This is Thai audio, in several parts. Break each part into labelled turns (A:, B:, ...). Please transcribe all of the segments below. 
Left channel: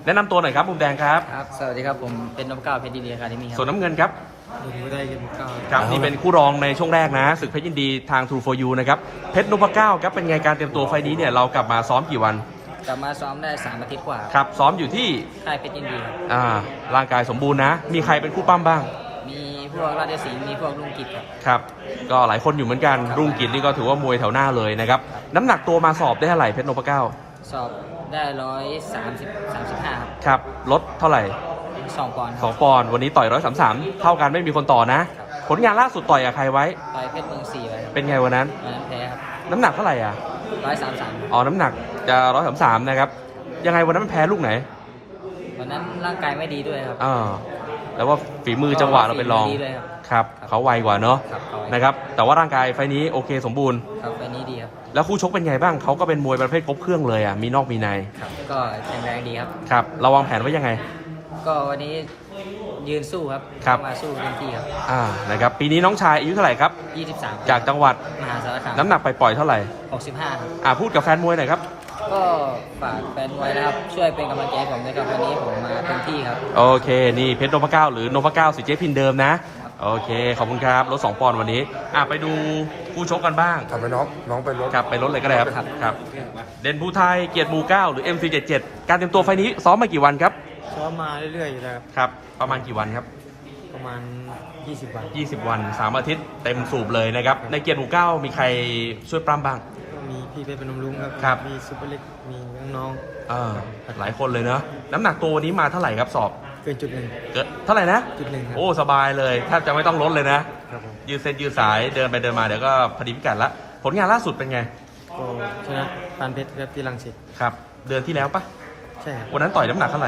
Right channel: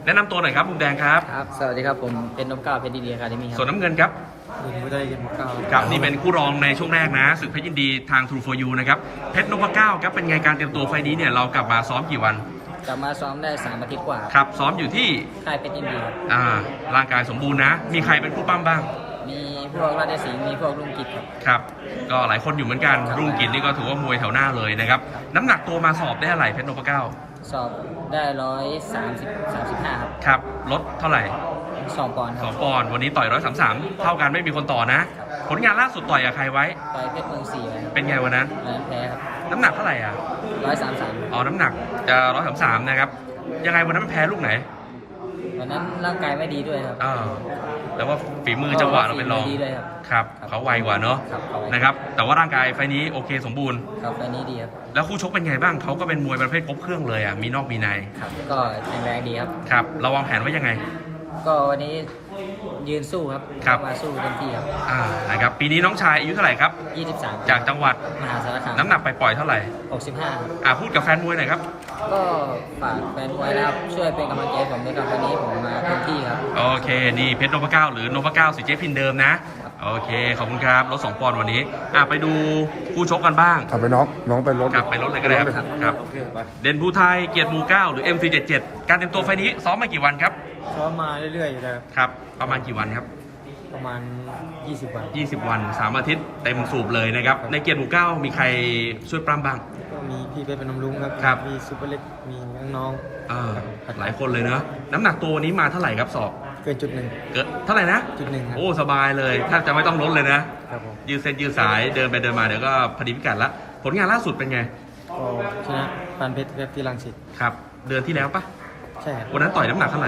A: นะนำตัวหน่อยครับมุมแดงครับ
B: ครับ สวัสดีครับ ผมเป็นนพเก้าเพชรดีอะคาเดมี่ค
A: ส่วน
B: รับ
A: น้ำเงินครับ
B: ดูไม่ได้เป็นนพเก้า
A: ครับนี่เป็นคู่รองในช่วงแรกนะศึกเพชรยินดีทาง True for You นะครับเพชรนพเก้าครับเป็นไงการเตรียมตัวไฟล์นี้เนี่ยเรากลับมาซ้อมกี่วัน
B: กลับมาซ้อมได้3 อาทิตย์กว่า
A: ครับซ้อมอยู่ที่
B: ค่ายเพชรยินดีครับ
A: ร่างกายสมบูรณ์นะ มีใครเป็นคู่ปั้มบ้าง
B: มีพวกราชสิงห์มีพวกลุงกิจครับ
A: ครับก็หลายคนอยู่เหมือนกัน
B: ครับ
A: รุ่งกิจนี่ก็ถือว่ามวยแถวหน้าเลยนะครับ
B: ครับ
A: น้ำหนักตัวมาสอบได้เท่าไหร่เพชรนพเก้า
B: สอบได้135ครับ
A: ครับลดเท่าไหร่
B: 2 ปอนด์ค
A: ส
B: รั
A: อบ งปอนด์วันนี้ต่อย133เท่ากันไม่มีคนต่อนะ ผลงานล่าสุดต่อยกับใครไว้
B: ต่อยเพชรเมือง4เลยครับ
A: เป็นไงวันนั้น
B: แพ้ครับ
A: น้ำหนักเท่าไหร่อ่ะ
B: 133
A: อ๋อน้ำหนักจะ133นะครับยังไงวันนั้นมันแพ้ลูกไหน
B: วันนั้นร่างกายไม่ดีด้วยครับ
A: แล้วว่าฝีมือจังหวะเราเป็นรอง
B: ฝีมือดีด้วยครับ
A: ครับเขาไวกว่าเนาะ
B: ครับเอาไว้
A: นะครับแต่ว่าร่างกายไฟล์นี้โอเคสมบูรณ์
B: ครับไฟล์นี้ดีครับ
A: แล้วคู่ชกเป็นไงบ้างเขาก็เป็นมวยประเภทครบเครื่องเลยอ่ะมีนอกมีใน
B: ครับ ก็แข็งแรงดีครับ
A: ครับเราวางแผนไว้ยังไง
B: ก็วันนี้ยืนสู้ครับ
A: ครับ
B: เข้ามาสู้เต็มที่ครับ
A: นะครับปีนี้น้องชายอายุเท่าไหร่ครับ
B: 23
A: จากจังหวัด
B: มหาสารคาม
A: น้ำหนักไปปล่อยเท่าไหร่
B: 65ครับ
A: พูดกับแฟนมวยหน่อยครับ
B: ก็ฝากแฟนมวยนะครับ ช่วยเป็นกำลังใจให้ผมด้วยครับวันนี้ผมมาเต็มที่ครับ
A: โอเคนี่เพชรนพเก้าหรือนพเก้าสิเจพินเดิมนะโอเคขอบคุณครับลด2 ปอนด์วันนี้ไปดูคู่ชกกันบ้าง
C: ขับไปน้องไปรถ
A: กลับไปลดเลยก็ได้ครับ
B: ครับ
A: ครับ เด่นภูไทยเกียรติหมู่เก้าหรือ MC77 การเตรียมตัวไฟล์นี้ซ้อมมากี่วันครับ
B: ซ้อมมาเรื่อยๆอยู่แล้ว
A: ครับ ประมาณกี่วันครับ
B: ประมาณ 20 วัน
A: 20 วัน 3 อาทิตย์เต็มสูบเลยนะครับ ในเกียรติหมู่เก้ามีใครช่วยปรำบ้าง
B: ก็มีพี่เพชรเป็นนมลุงครับ
A: ครับ
B: มีซุปเปอร์เล็ก มีน้อง
A: หลายคนเลยเนาะน้ำหนักตัววันนี้มาเท่าไหร่ครับสอบ
B: ๆเกินจุดหนึ่ง
A: เกิดเท่าไหร่นะ
B: จุดหนึ่งครับ
A: โอ้สบายเลยแทบจะไม่ต้องลดเลยนะ
B: ครับผม
A: ยืดเส้นยืดสายเดินไปเดินมาเดี๋ยวก็พอดีพิกัดละผลงานล่าสุดเป็นไง
B: ก็ชนะปานเพชรครับที่รังสิต
A: ครับเดือนที่แล้วปะ
B: ใช่ครับ
A: วันนั้นต่อยน้ำหนักเท่าไหร่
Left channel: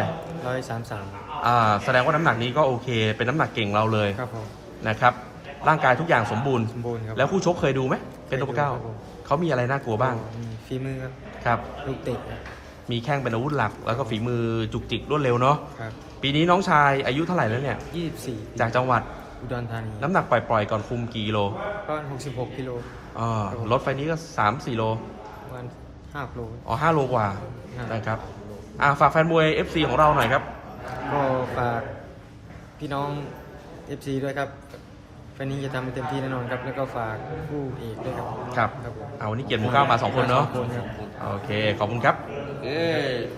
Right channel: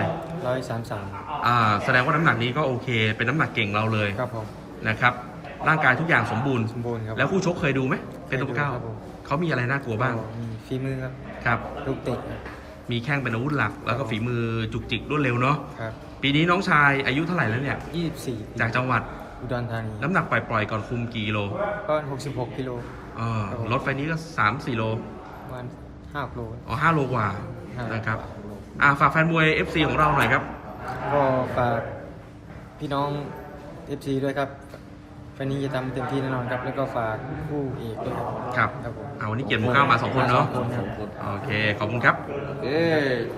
B: 133
A: แสดงว่าน้ำหนักนี้ก็โอเค เป็นน้ำหนักเก่งเราเลย
B: ครับผม
A: นะครับร่างกายทุกอย่างสมบูรณ์
B: สมบูรณ์ครับ
A: แล้วคู่ชกเคยดูไหมเป็นตัวเก้า
B: ครับผม
A: เขามีอะไรน่ากลัวบ้าง
B: ก็มีฝีมือครับ
A: ครับ
B: ลูกเตะครับ
A: มีแข้งเป็นอาวุธหลัก แล้วก็ฝีมือจุกจิกรวดเร็วเนาะ
B: ครับ
A: ปีนี้น้องชายอายุเท่าไหร่แล้วเนี่ย
B: 24
A: จากจังหวัด
B: อุดรธานี
A: น้ำหนักปล่อยๆก่อนคุมกี่กิโล
B: ก็66 กิโล ครับผม
A: รถไฟนี้ก็3-4 โล
B: ประมาณ5 โล
A: 5 โลกว่า
B: ครับ
A: นะครับฝากแฟนมวย FC ของเราหน่อยครับ
B: ก็ฝากพี่น้อง FC ด้วยครับวันนี้จะทำให้เต็มที่แน่นอนครับ แล้วก็ฝากคู่เอกด้วยครับ
A: ครับ
B: ครับผม
A: วันนี้เกียรติหมู่เก้ามา2 คนเนาะ
B: 2 คนครับ
A: โอเคขอบคุณครับ